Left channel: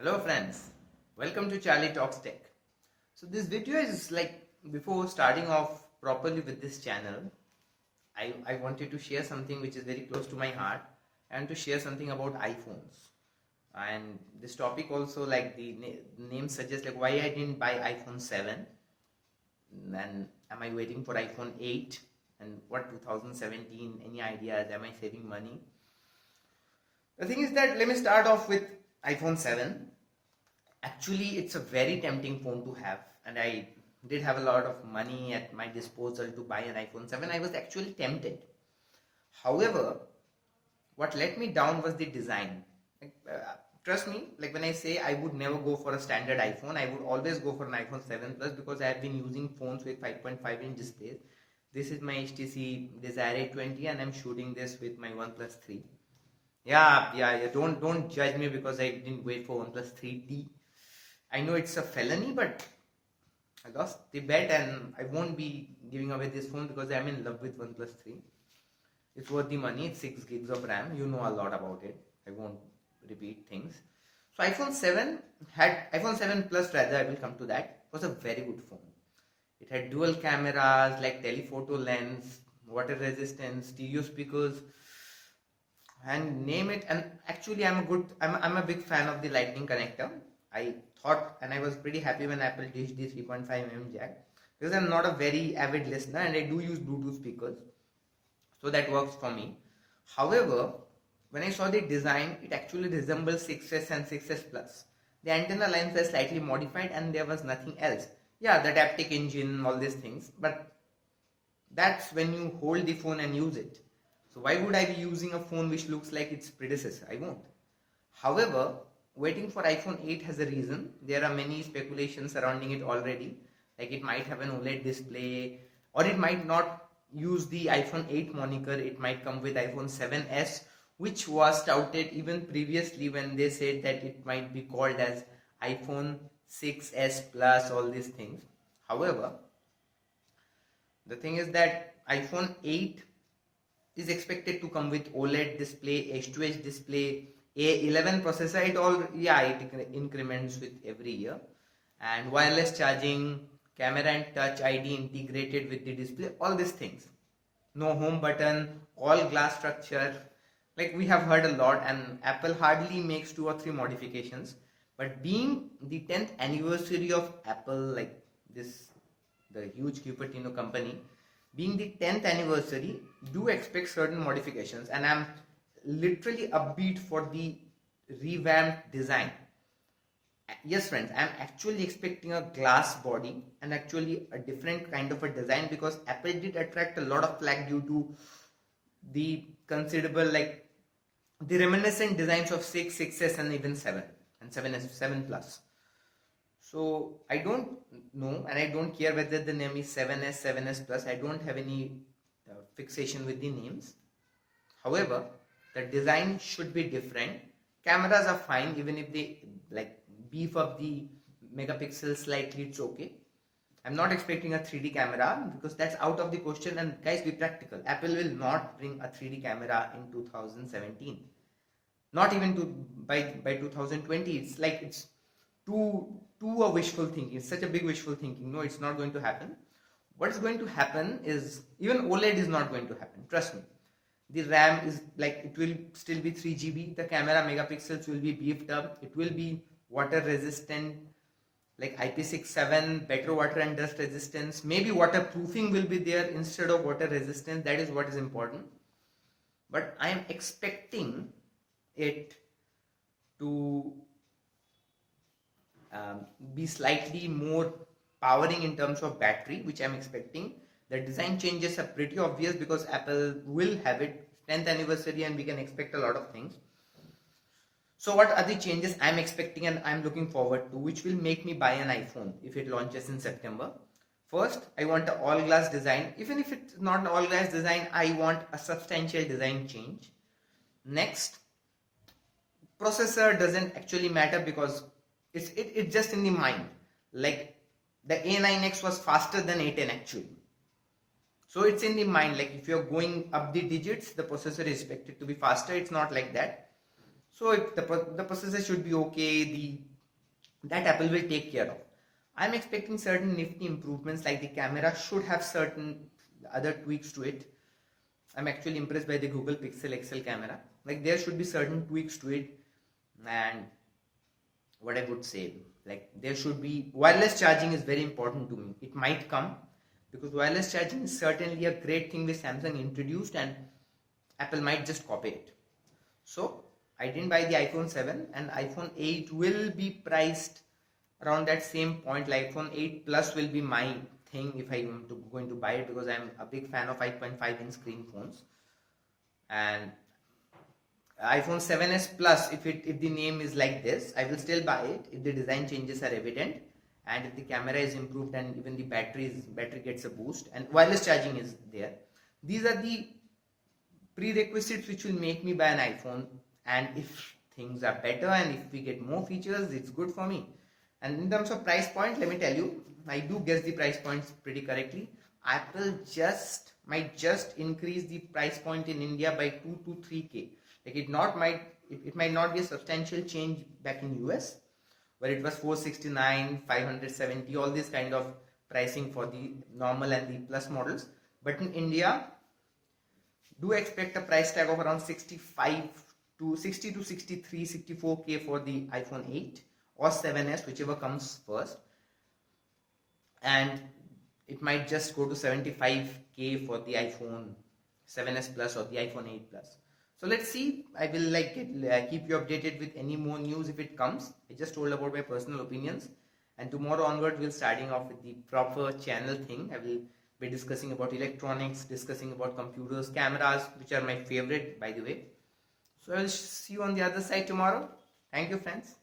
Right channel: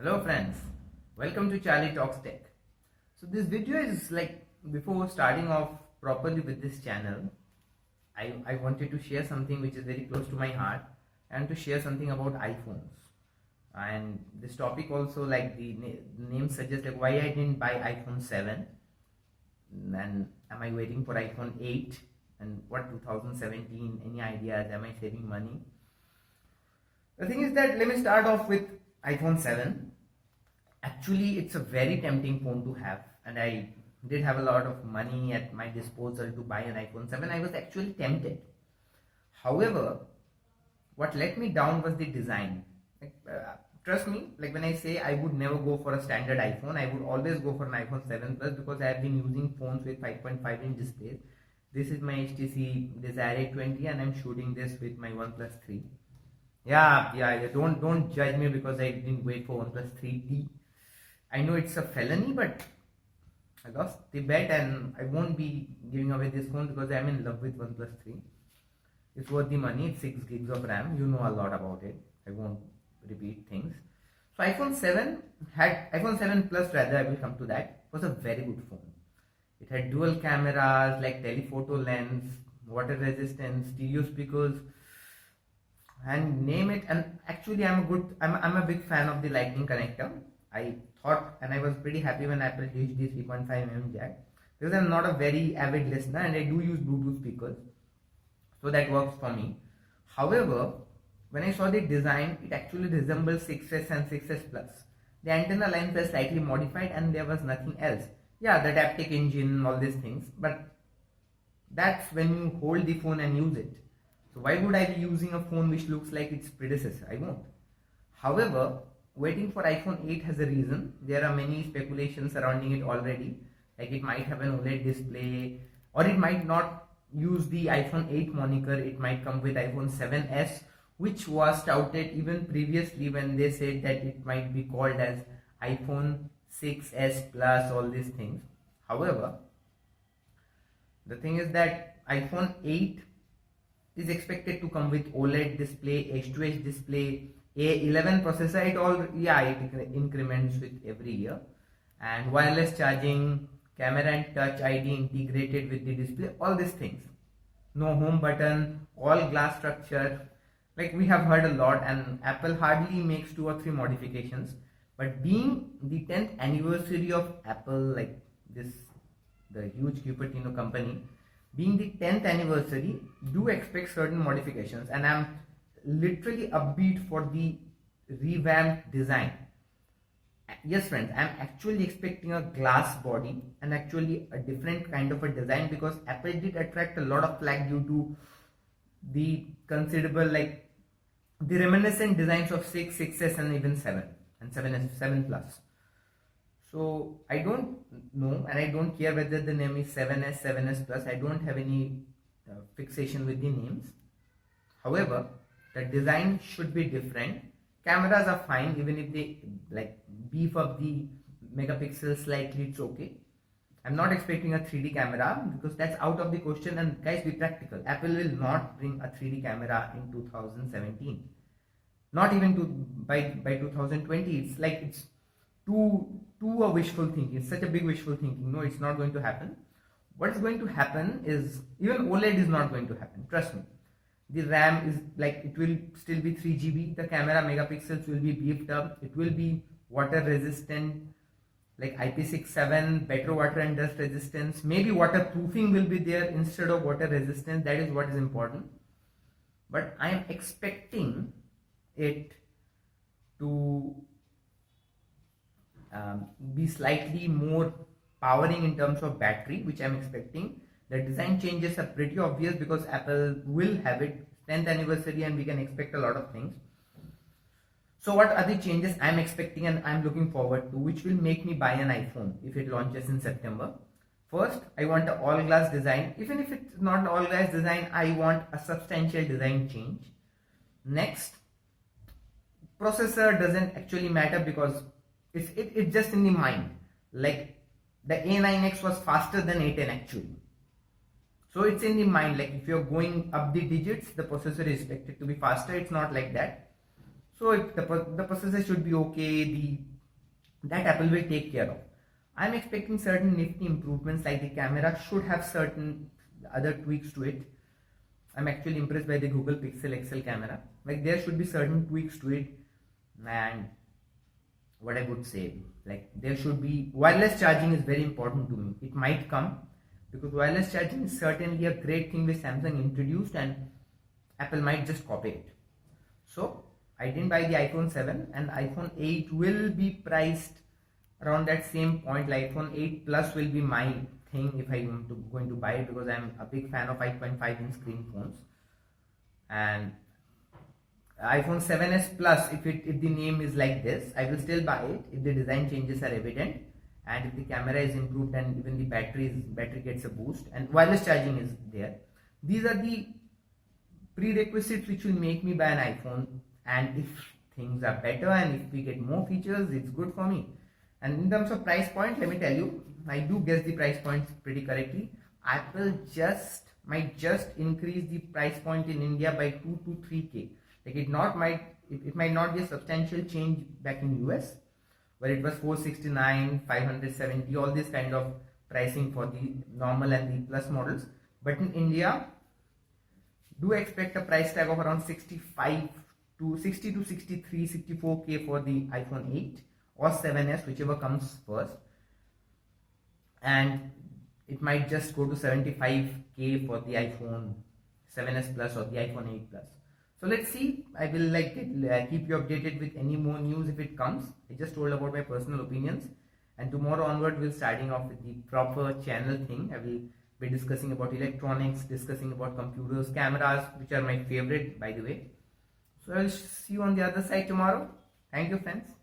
Hello friends, welcome to Charlie Talks Tech. So this video is like before starting off properly with this channel, I wanted to share something which is very close to my heart and to share something about iPhones. And this topic also like the name suggests like why I didn't buy iPhone 7 and am I waiting for iPhone 8 and what 2017, any ideas, am I saving money? The thing is that let me start off with iPhone 7. Actually, it's a very tempting phone to have, and I did have a lot of money at my disposal to buy an iPhone 7. I was actually tempted. However, what let me down was the design. Trust me, like when I say I would never go for a standard iPhone, I would always go for an iPhone 7 Plus because I have been using phones with 5.5-inch displays. This is my HTC Desire 820 and I'm shooting this with my OnePlus 3. Yeah. Don't judge me because I didn't wait for OnePlus 3T. I know it's a felony, but I lost the bet and I won't be giving away this phone because I'm in love with OnePlus 3. It's worth the money. It's 6 gigs of RAM. You know a lot about it. I won't repeat things. So iPhone 7 Plus rather, I will come to that, was a very good phone. It had dual cameras like telephoto lens, water resistance, stereo speakers, and name it. And actually I'm a big fan of the lightning connector. I thought and I was pretty happy when Apple ditched the 3.5mm jack because I'm not a very avid listener and I do use Bluetooth speakers, so that works for me. However, when I saw the design, it actually resembles 6S and 6S Plus. The antenna lines were slightly modified and there was nothing else. Yeah, the Taptic engine, all these things, but that's when you hold the phone and use it. So why would I be using a phone which looks like its predecessor? I won't. However, waiting for iPhone 8 has a reason. There are many speculations surrounding it already. Like it might have an OLED display, or it might not use the iPhone 8 moniker. It might come with iPhone 7s, which was touted even previously when they said that it might be called as iPhone 6s Plus, all these things. However, the thing is that iPhone 8 is expected to come with OLED display, H2H display, A11 processor. It increments with every year, and wireless charging, camera and touch ID integrated with the display, all these things. No home button, all glass structure. Like we have heard a lot, and Apple hardly makes 2 or 3 modifications. But being the 10th anniversary of Apple, like this, the huge Cupertino company, being the 10th anniversary, do expect certain modifications, and I'm literally upbeat for the revamped design. Yes friends, I'm actually expecting a glass body and actually a different kind of a design because Apple did attract a lot of flack due to the considerable, like the reminiscent designs of 6, 6s and even 7 and 7s, 7 Plus. So I don't know and I don't care whether the name is 7s, 7s Plus. I don't have any fixation with the names. However, the design should be different. Cameras are fine, even if they like beef up the megapixels slightly, it's okay. I'm not expecting a 3D camera because that's out of the question. And guys, be practical. Apple will not bring a 3D camera in 2017. Not even by 2020. It's like it's too a wishful thinking. It's such a big wishful thinking. No, it's not going to happen. What is going to happen is even OLED is not going to happen. Trust me. The RAM is like it will still be 3 GB. The camera megapixels will be beefed up. It will be water resistant, like IP67, better water and dust resistance. Maybe waterproofing will be there instead of water resistance. That is what is important. But I am expecting it to be slightly more powering in terms of battery, which I am expecting. The design changes are pretty obvious because Apple will have it 10th anniversary and we can expect a lot of things. So what are the changes I'm expecting and I'm looking forward to, which will make me buy an iPhone if it launches in September? First, I want an all glass design. Even if it's not an all glass design, I want a substantial design change. Next, processor doesn't actually matter because it's just in the mind. Like the A9X was faster than A10 actually. So it's in the mind, like if you're going up the digits, the processor is expected to be faster. It's not like that. So if the processor should be okay, that Apple will take care of. I'm expecting certain nifty improvements, like the camera should have certain other tweaks to it. I'm actually impressed by the Google Pixel XL camera. Like there should be certain tweaks to it, and what I would say, like there should be wireless charging is very important to me. It might come because wireless charging is certainly a great thing which Samsung introduced, and Apple might just copy it. So I didn't buy the iPhone 7, and iPhone 8 will be priced around that same point. Like iPhone 8 Plus will be my thing if I'm going to buy it, because I'm a big fan of 5.5 inch screen phones. And iPhone 7s Plus, if the name is like this, I will still buy it if the design changes are evident, and if the camera is improved, and even the battery gets a boost, and wireless charging is there. These are the prerequisites which will make me buy an iPhone. And if things are better and if we get more features, it's good for me. And in terms of price point, let me tell you, I do guess the price points pretty correctly. Apple might just increase the price point in India by 2 to 3K. Like it might not be a substantial change back in US, where it was 469, 570, all this kind of pricing for the normal and the plus models. But in India, do expect a price tag of around 60 to 63, 64K for the iPhone 8 or 7s, whichever comes first. And it might just go to 75K for the iPhone 7s Plus or the iPhone 8 Plus. So let's see. I will keep you updated with any more news if it comes. I just told about my personal opinions, and tomorrow onward we'll starting off with the proper channel thing. I will be discussing about electronics, discussing about computers, cameras, which are my favorite, by the way. So I'll see you on the other side tomorrow. Thank you, friends.